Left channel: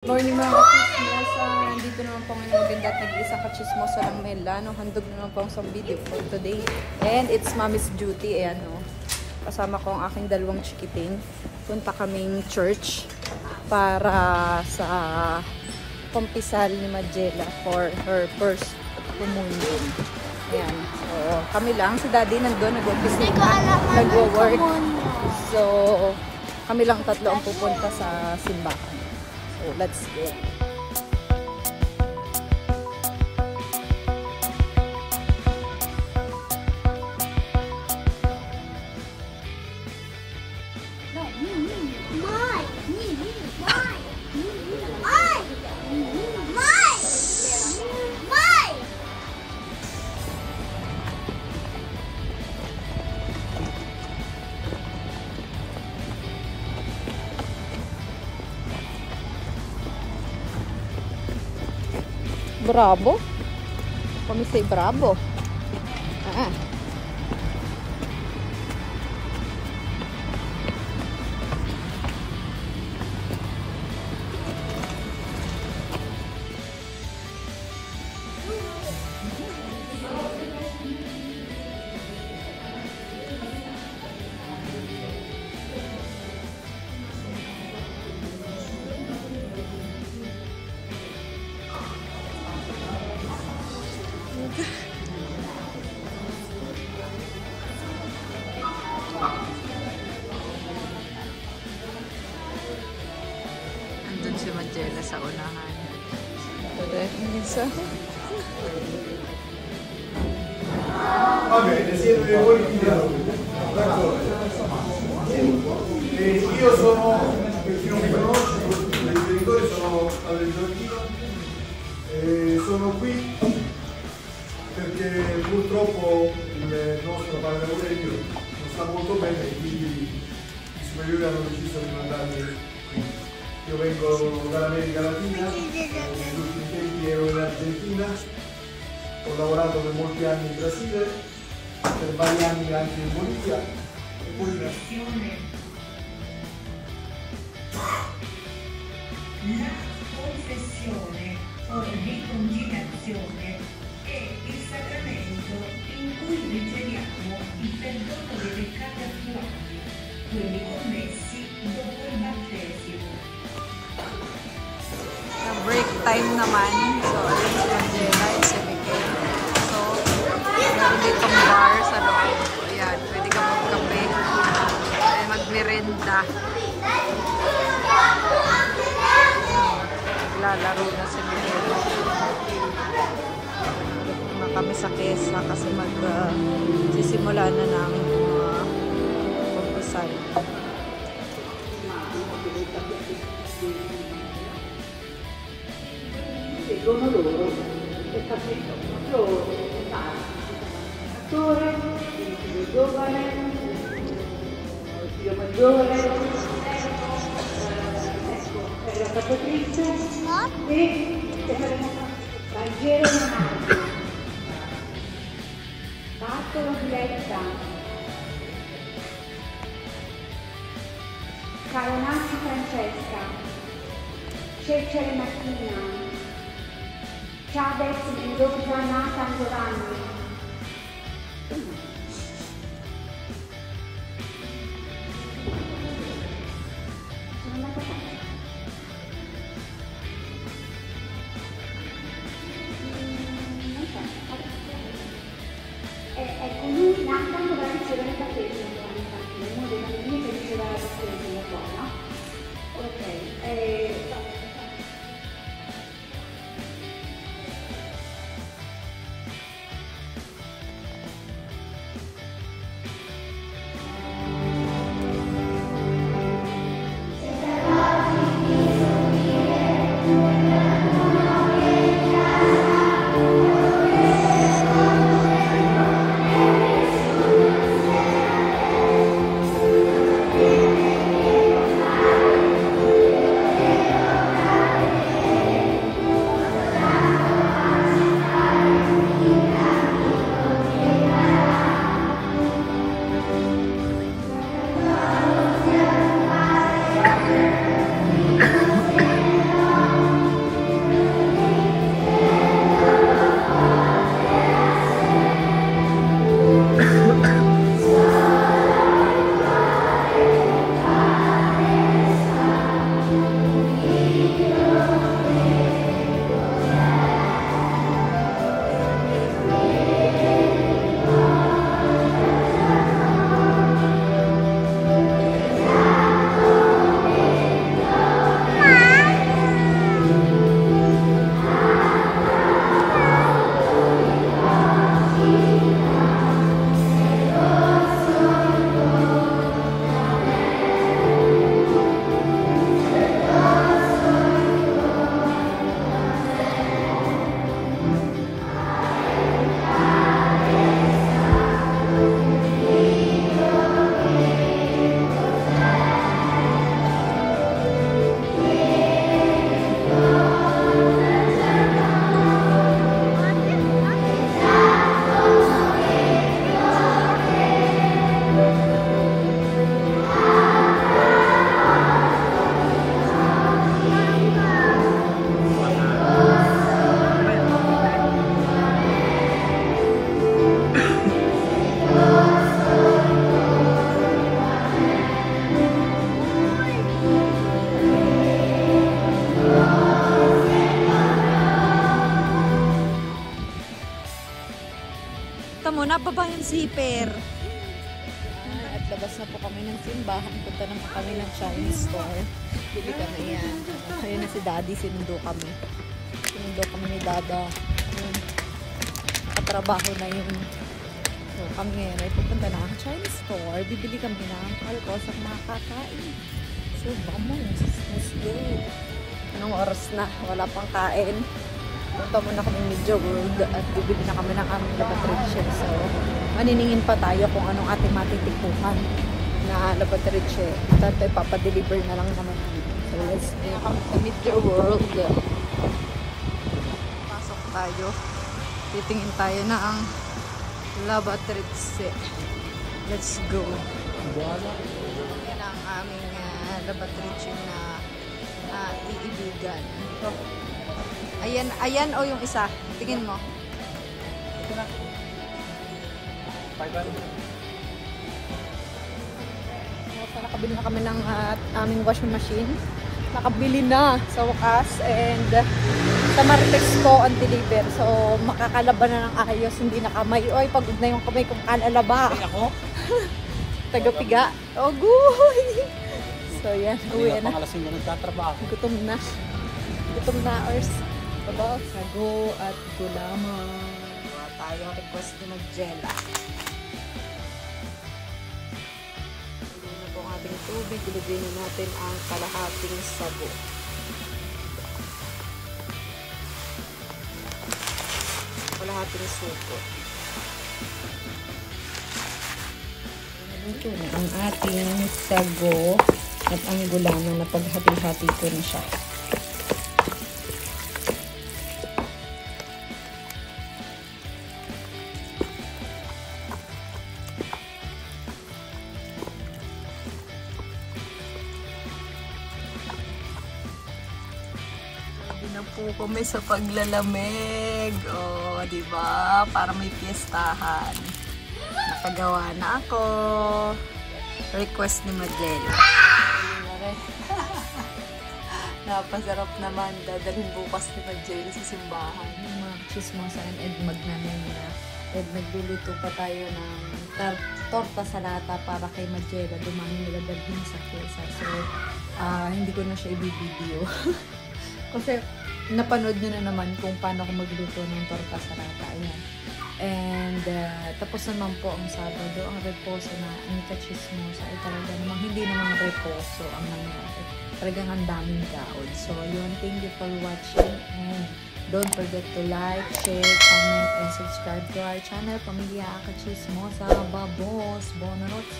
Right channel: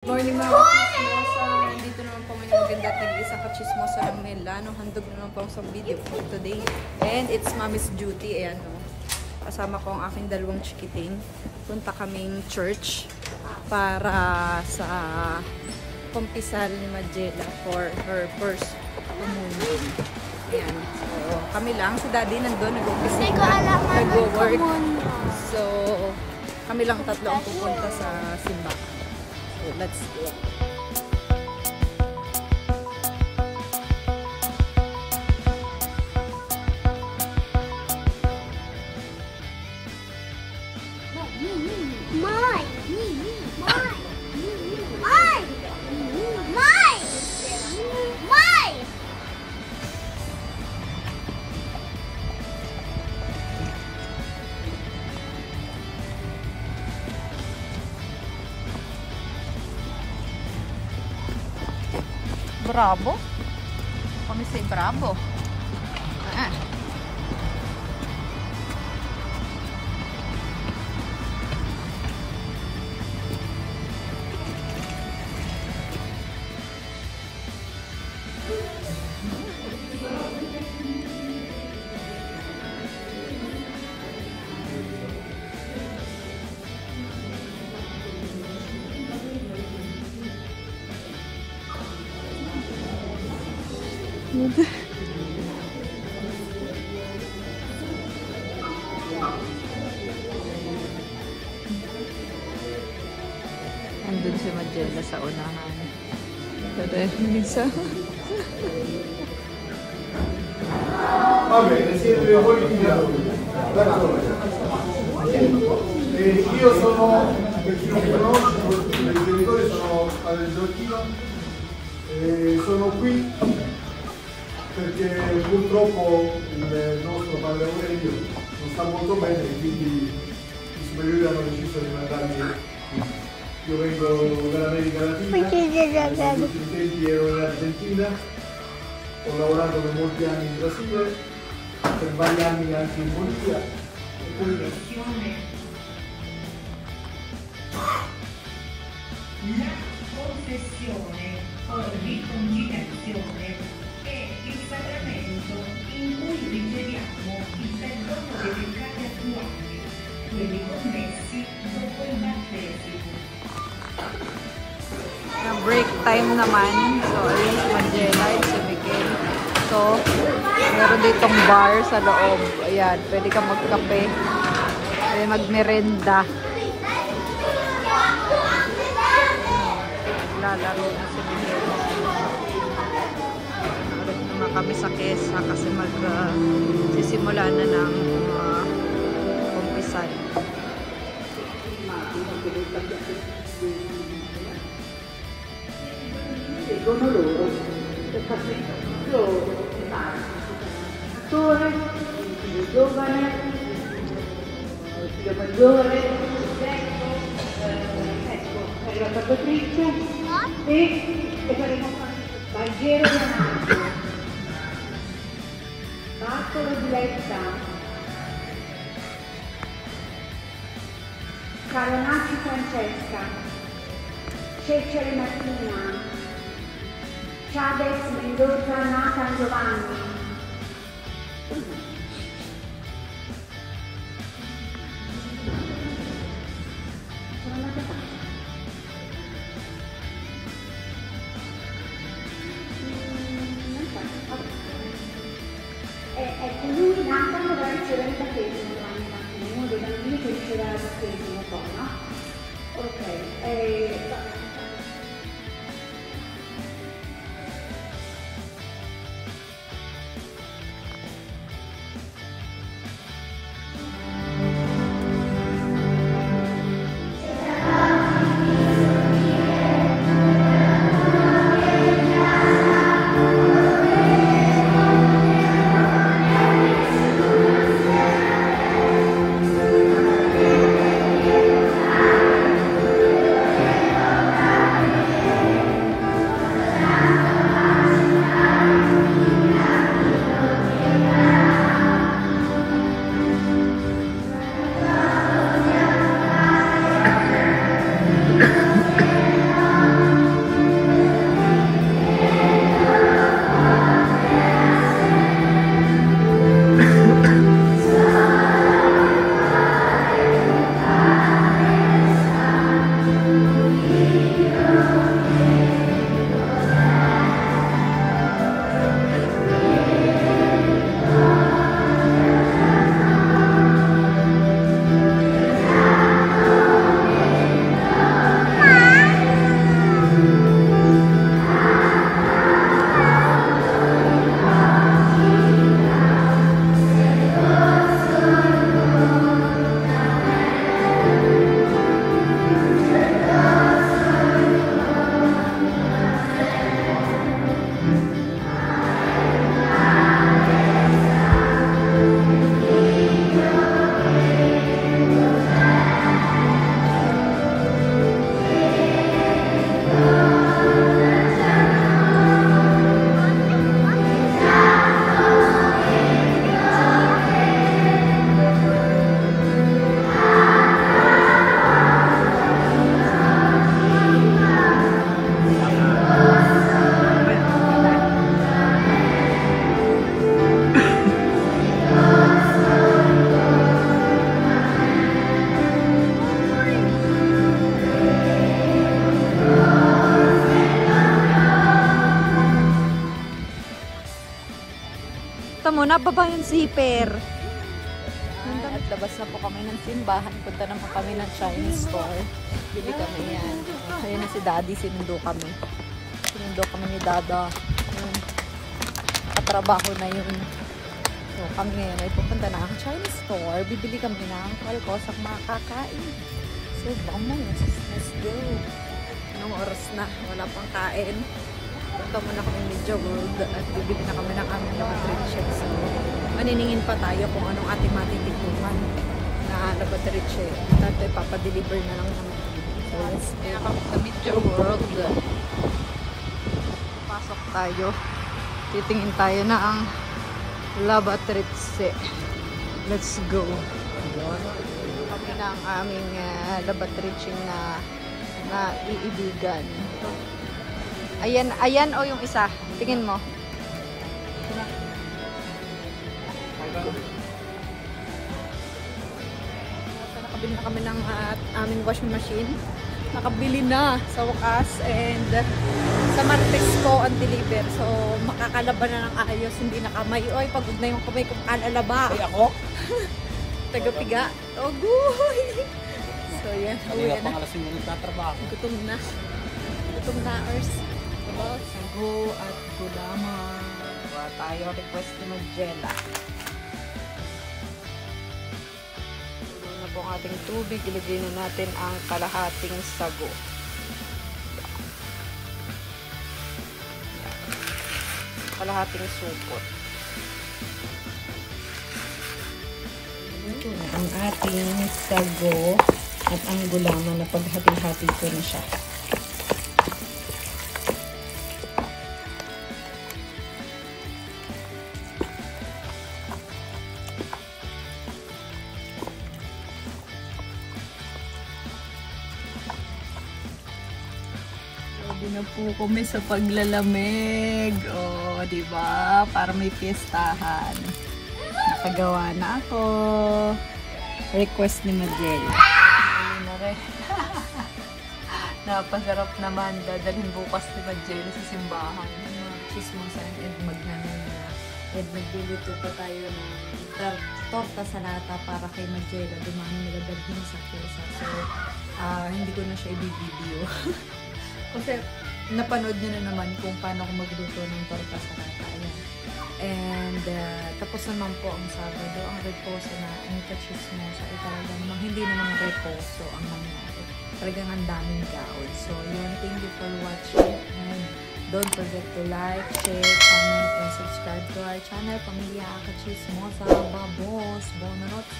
Morning mga kachismosa! Nandito naman po ngayon maganda at nag-iisang kachismosa ng Mela. No? Handog naman po ang video for today. And it's Mommy's duty. Ayan, no? Kasama ko ang aking dalawang chikiting. Punta kaming church para sa kumpisal ni Majela for her first communion. Ayan. So, kami lang. Si Daddy nandun, nag-opisina, nag-work. So, kami lang tatlo ang pupunta sa simbahan. So, let's go. Bravo. Kami say bravo. Ah. Andun si Majela sa unahan. Vabbè, siete voi d'accordo. Io sono, per chi non mi conosce, i miei genitori sono all'Argentina e sono qui perché purtroppo il nostro padre Aurelio non sta molto bene e quindi i superiori hanno deciso di mandarmi qui. Io vengo dall'America Latina, negli ultimi tempi ero in Argentina, ho lavorato per molti anni in Brasile, per vari anni anche in Bolivia e poi la confessione o riconciliazione è il sacramento in cui riceviamo il perdono dei peccati attuali, quelli commessi dopo il battesimo. Break time naman. So, ayun si Majela at si Miguel. So, meron ditong bar sa loob. Ayan, pwede ka magkape. Pwede magmerenda. Naglalaro na si Miguel. Ulit naman kami sa kesa kasi magsisimula na ng kumpisal. Seguono loro per farci loro attore, il figlio giovane, il figlio maggiore, ecco, è la Patrizia e saremo Bandiero Leonardo, Bartolo Diletta, Caronacci Francesca, Cecere Martina, Chavez Mendoza Nathan Giovanni. Sono andata a casa. Non so, ecco, lui Nathan dovrà ricevere il battesimo domani mattina, uno dei bambini che riceverà il battesimo poi, no? Ok, mo, nababa yung zipper. At labas na po kami ng simbahan. Punta naman kami ng Chinese store. Bili kami yan. Ayun na si Daddy, sinundo kami. Sinundo kami ni Dada. Ayun. Katrabaho na yun. So kami ngayon ay pupunta na ang Chinese store. Bibili kami ng kalkosang makakain. So vamos, let's go. Anong oras na? Wala pang kain. Punta muna kami Media World at bibili na kami ng aming labatriche. So, maniningin pa tayo kung anong ating matitikungan na labatriche. Tato ipapadeliver na lang naman namin. So, let's go sa Media World. Pasok tayo. Titingin tayo na ang labatriche. Let's go. Kami na ang aming labatriche na iibigan. Ayan, ayan o yung isa. Tingin mo. Nakabili na kami ng aming washing machine. Nakabili na sa wakas. And sa Martes ko ang deliver. So makakalaban na ng ayos. Hindi na kamay. Oy, pagod na yung kamay kung kalalaba. Ako? Taga-piga. Oh, guy! So yan. Uwi na. Pangalasin mo nagtatrabaho. Gutom na. Gutom na ours. About sago at gulaman. Gawa tayo. Request ni Magella. Tulo na po ang ating tubig. Ilagay na natin ang kalahating sago. Kalahating supot. Ito na ang ating sago at ang gulaman na paghati-hati ko na siya. Ready na po kami sa paglalamig. Oh, di ba? Para may fiestahan. Nakagawa na ako. Request ni Magella. Ayun na rin. Napasarap naman. Dadalhin bukas ni Magella sa simbahan. Yung mga chismosa and Edmag namin na. Nagluluto pa tayo ng torta sa lata para kay Magella. Dumami nila dalhin sa fiesta. So, hindi ko na siya i-video. Kasi napanood nyo na naman kung paano ako magluto ng torta sa lata. Ayan. And tapos naman po ang Sabado, ang reposo na ang kachismosa ay talaga namang hindi naman reposo ang nangyari. Talagang ang daming gaod. So yun, thank you for watching and don't forget to like, share, comment, and subscribe to our channel, Pamilya Kachismosa. Babos! Bonanots!